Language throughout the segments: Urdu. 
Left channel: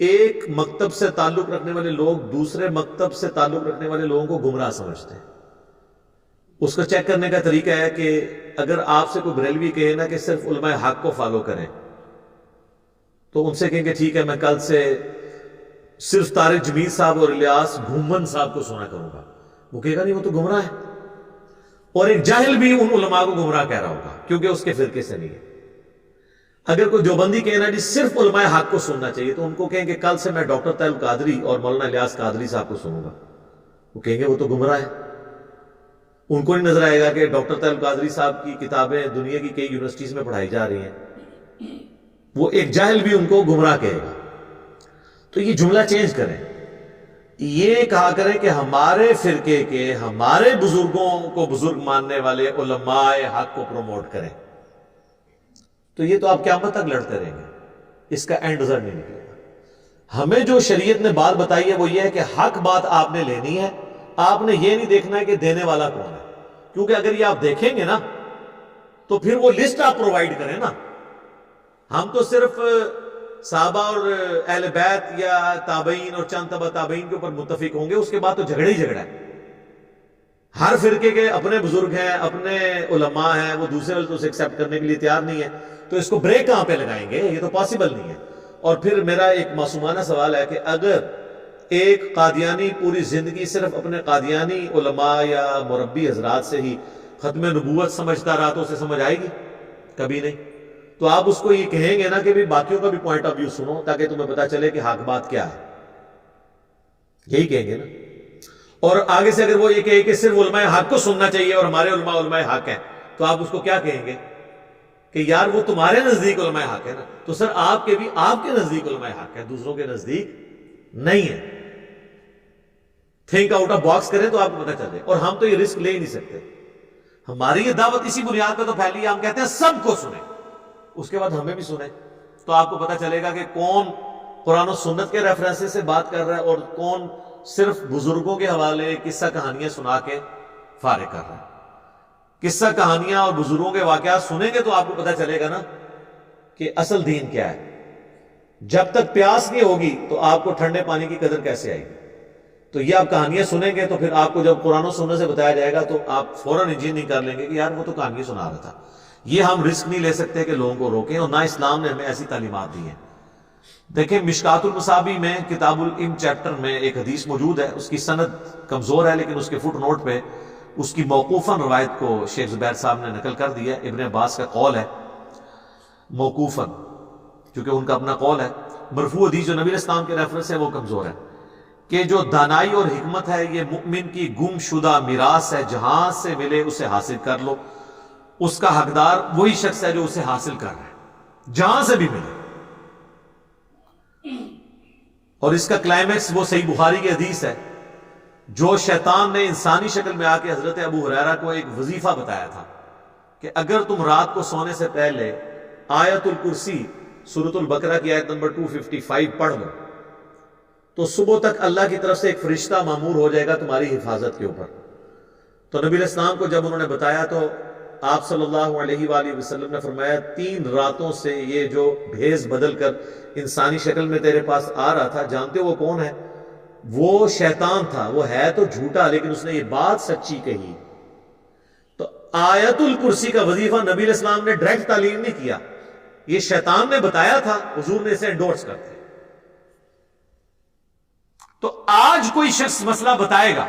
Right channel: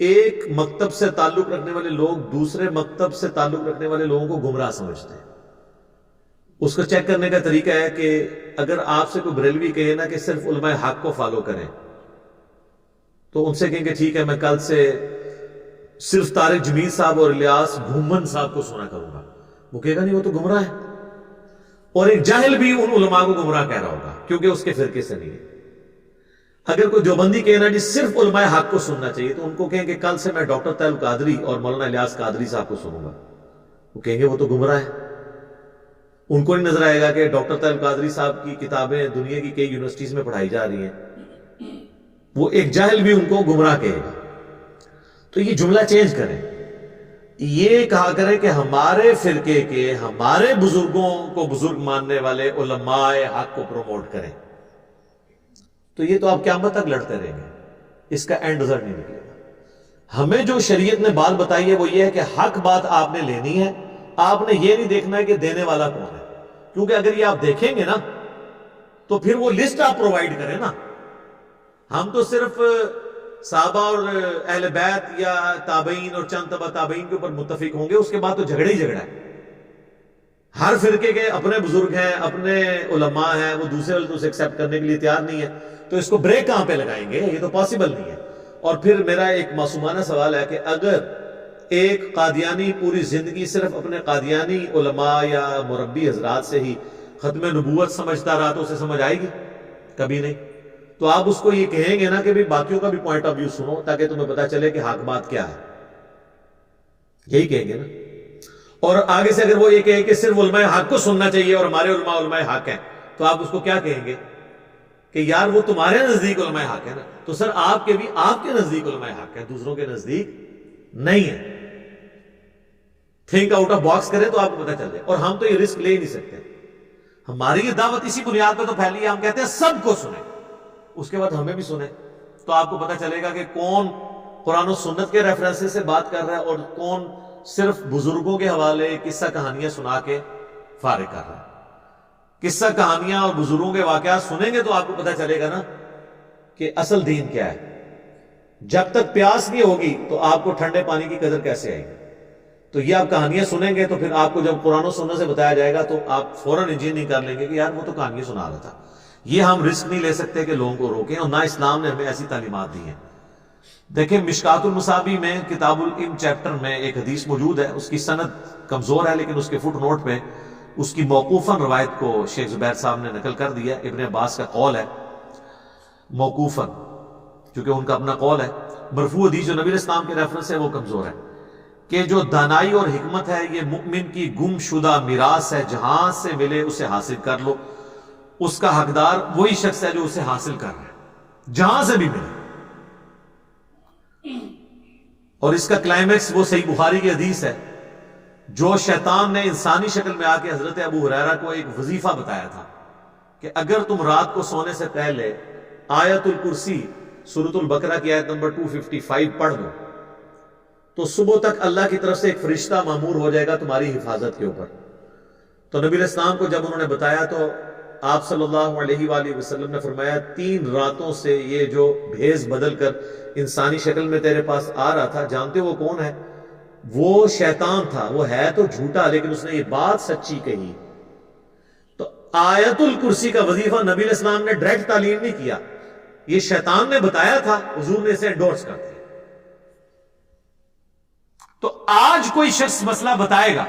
ایک مکتب سے تعلق رکھنے والے لوگ دوسرے مکتب سے تعلق رکھنے والے لوگوں کو گمراہ سمجھتے ہیں. اس کو چیک کرنے کا طریقہ ہے کہ اگر آپ سے کوئی بریلوی کہے نا کہ صرف علماء حق کو فالو کریں، تو ان سے کہیں کہ ٹھیک ہے میں کل سے صرف طارق جمیل صاحب اور الیاس گھومن صاحب کو سنا کروں گا. وہ کہے گا نہیں، وہ تو گمراہ ہے. اور ایک جاہل بھی ان علماء کو گمراہ کہہ رہا ہوگا کیونکہ اس کے فرقے سے نہیں ہے. اگر کوئی دیوبندی کہنا جی صرف علماء حق کو سننا چاہیے، تو ان کو کہیں کہ کل سے میں ڈاکٹر طاہر القادری اور مولانا الیاس قادری صاحب کو سنوں گا. وہ کہیں گے وہ تو گمراہ ہے. ان کو نہیں نظر آئے گا کہ ڈاکٹر طاہر القادری صاحب کی کتابیں دنیا کی کئی یونیورسٹیز میں پڑھائی جا رہی ہیں. وہ ایک جاہل بھی ان کو گمراہ کہے گا. تو یہ جملہ چینج کریں، یہ کہا کریں کہ ہمارے فرقے کے ہمارے بزرگوں کو بزرگ ماننے والے علماء حق کو پروموٹ کریں. تو یہ تو آپ قیامت تک لڑتے رہیں گے، اس کا اینڈ ریزلٹ نہیں نکلے گا. ہمیں جو شریعت نے بات بتائی ہے وہ یہ ہے کہ حق بات آپ نے لینی ہے. آپ نے یہ نہیں دیکھنا ہے کہ دینے والا کون ہے، کیونکہ اگر یہ آپ دیکھیں گے نا تو پھر وہ لسٹ آپ پرووائڈ کریں نا. ہم تو صرف صحابہ اور اہل بیت یا تابعین اور چند تبع تابعین کے اوپر متفق ہوں گے، اس کے بعد تو جھگڑا ہی جھگڑا ہے. ہر فرقے کے اپنے بزرگ ہیں، اپنے علماء ہیں، وہ دوسرے والے تو اسے ایکسیپٹ کرنے کے لیے تیار نہیں ہے. تو اس کو بریک کہاں پہ لگائیں گے؟ یہ تو پاسبل نہیں ہے. اور پھر میرا ایک معصومانہ سوال ہے کہ اگر ایک قادیانی پوری زندگی صرف اپنے قادیانی علماء یا مربی حضرات سے ہی ختم نبوت سمجھتا رہا تو اسے سمجھ آئے گی؟ کبھی نہیں. تو آپ اس کو یہ کہیں گے نا کہ بھی باقیوں کا بھی پوائنٹ آف ویو سنو تاکہ تمہیں پتا چلے کہ حق بات کیا ہے. یہی کہیں گے نا. اور آگے سے اگر وہ یہ کہے کہ صرف علماء حق کو سننا چاہیے اور ہمارے علماء علماء حق ہیں، تو آپ اس کو کیا کہیں گے کہ یار وہ تمہارے نزدیک علماء حق ہے نا، تو سر آپ کے بھی آپ کے نزدیک علماء حق ہے، دوسروں کے نزدیک نہیں ہے. تھنک آؤٹ آف باکس کریں تو آپ کو پتہ چل جائے. اور ہم تو یہ رسک لے ہی نہیں سکتے. ہماری یہ دعوت اسی بنیاد پہ تو پھیلی ہے، ہم کہتے ہیں سب کو سنیں، اس کے بعد ہمیں بھی سنیں. تو آپ کو پتہ چلے گا کہ کون قرآن و سنت کے ریفرنسز سے بات کر رہا ہے اور کون صرف بزرگوں کے حوالے قصہ کہانیاں سنا کے فارغ کر رہا ہے. قصہ کہانیاں اور بزرگوں کے واقعات سنیں گے تو آپ کو پتہ چلے گا نا کہ اصل دین کیا ہے. جب تک پیاس نہیں ہوگی تو آپ کو ٹھنڈے پانی کی قدر کیسے آئے گی؟ تو یہ آپ کہانیاں سنیں گے تو پھر آپ کو جب قرآن و سنت سے بتایا جائے گا تو آپ فوراً انجینئرنگ کر لیں گے کہ یار وہ تو کہانیاں سنا رہا تھا. یہ ہم رسک نہیں لے سکتے کہ لوگوں کو روکیں، اور نہ اسلام نے ہمیں ایسی تعلیمات دی ہیں. دیکھیں مشکات المصابیح میں کتاب العلم چیپٹر میں ایک حدیث موجود ہے، اس کی سند کمزور ہے لیکن اس کے فٹ نوٹ پہ اس کی موقوفاً روایت کو شیخ زبیر صاحب نے نقل کر دیا. ابن عباس کا قول ہے موقوفاً، چونکہ ان کا اپنا قول ہے. مرفوع حدیث جو نبی علیہ السلام کے ریفرنس ہے وہ کمزور ہے کہ جو دانائی اور حکمت ہے یہ مؤمن کی گم شدہ میراث ہے، جہاں سے ملے اسے حاصل کر لو. اس کا حقدار وہی شخص ہے جو اسے حاصل کر رہا ہے، جہاں سے بھی ملے. اور اس کا کلائمیکس وہ صحیح بخاری کی حدیث ہے جو شیطان نے انسانی شکل میں آ کے حضرت ابو ہریرہ کو ایک وظیفہ بتایا تھا کہ اگر تم رات کو سونے سے پہلے آیت الکرسی سورۃ البقرہ کی آیت نمبر 255 پڑھ لو تو صبح تک اللہ کی طرف سے ایک فرشتہ مامور ہو جائے گا تمہاری حفاظت کے اوپر. تو نبی علیہ السلام کو جب انہوں نے بتایا تو آپ صلی اللہ علیہ وآلہ وسلم نے فرمایا 3 راتوں سے یہ جو بھیس بدل کر انسانی شکل میں تیرے پاس آ رہا تھا، جانتے ہو وہ کون ہے؟ وہ شیطان تھا. وہ ہے تو جھوٹا لیکن اس نے یہ بات سچی کہی. تو آیت الکرسی کا وظیفہ نبی علیہ السلام نے ڈائریکٹ تعلیم نہیں کیا، یہ شیطان نے بتایا تھا، حضور نے اسے انڈورس کر دیا. تو آج کوئی شخص مسئلہ بتائے گا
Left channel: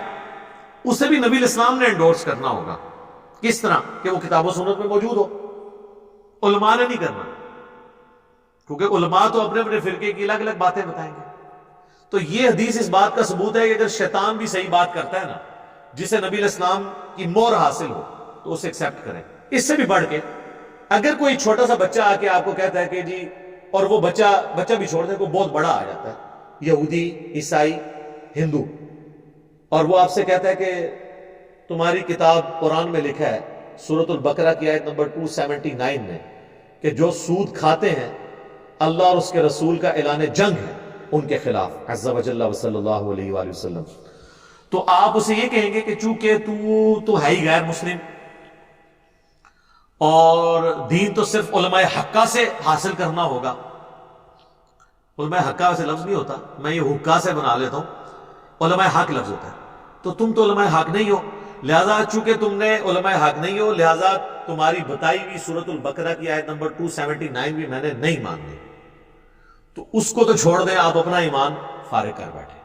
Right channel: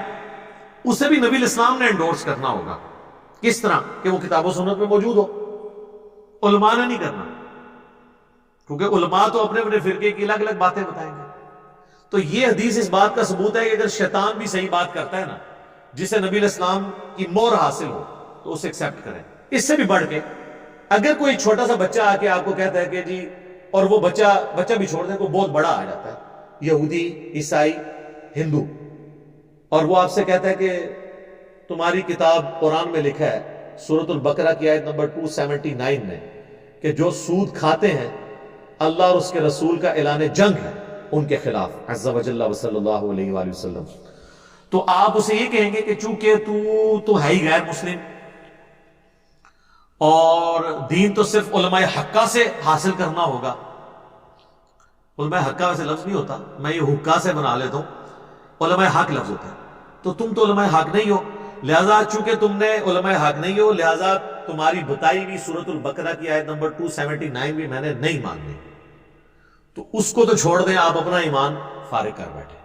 اسے بھی نبی علیہ السلام نے انڈورس کرنا ہوگا. کس طرح؟ کہ وہ کتاب و سنت میں موجود ہو. علماء نے نہیں کرنا، کیونکہ علماء تو اپنے اپنے فرقے کی الگ الگ باتیں بتائیں گے. تو یہ حدیث اس بات کا ثبوت ہے کہ اگر شیطان بھی صحیح بات کرتا ہے نا جسے نبی علیہ السلام کی مہر حاصل ہو تو اسے ایکسیپٹ کریں. اس سے بھی بڑھ کے اگر کوئی چھوٹا سا بچہ آ کے آپ کو کہتا ہے کہ جی، اور وہ بچہ بھی چھوڑ دیں، کوئی بہت بڑا آ جاتا ہے یہودی عیسائی ہندو، اور وہ آپ سے کہتا ہے کہ تمہاری کتاب قرآن میں لکھا ہے سورۃ البقرہ کی آیت نمبر 279 میں کہ جو سود کھاتے ہیں اللہ اور اس کے رسول کا اعلان جنگ ہے ان کے خلاف عز و جل و صلی اللہ علیہ وآلہ وسلم. تو آپ اسے یہ کہیں گے کہ چونکہ تو ہے ہی غیر مسلم اور دین تو صرف علماء حقہ سے حاصل کرنا ہوگا. علماء حق کا ویسے لفظ نہیں ہوتا، میں یہ حقا سے بنا لیتا ہوں، علماء حق لفظ ہوتا ہے. تو تم تو علماء حق نہیں ہو، لہذا چونکہ تم نے علماء حق نہیں ہو، لہذا تمہاری بتائی ہوئی سورۃ البقرہ کی آیت نمبر 279 بھی میں نے نہیں ماننی. تو اس کو تو چھوڑ دیں، آپ اپنا ایمان فارغ کر بیٹھے.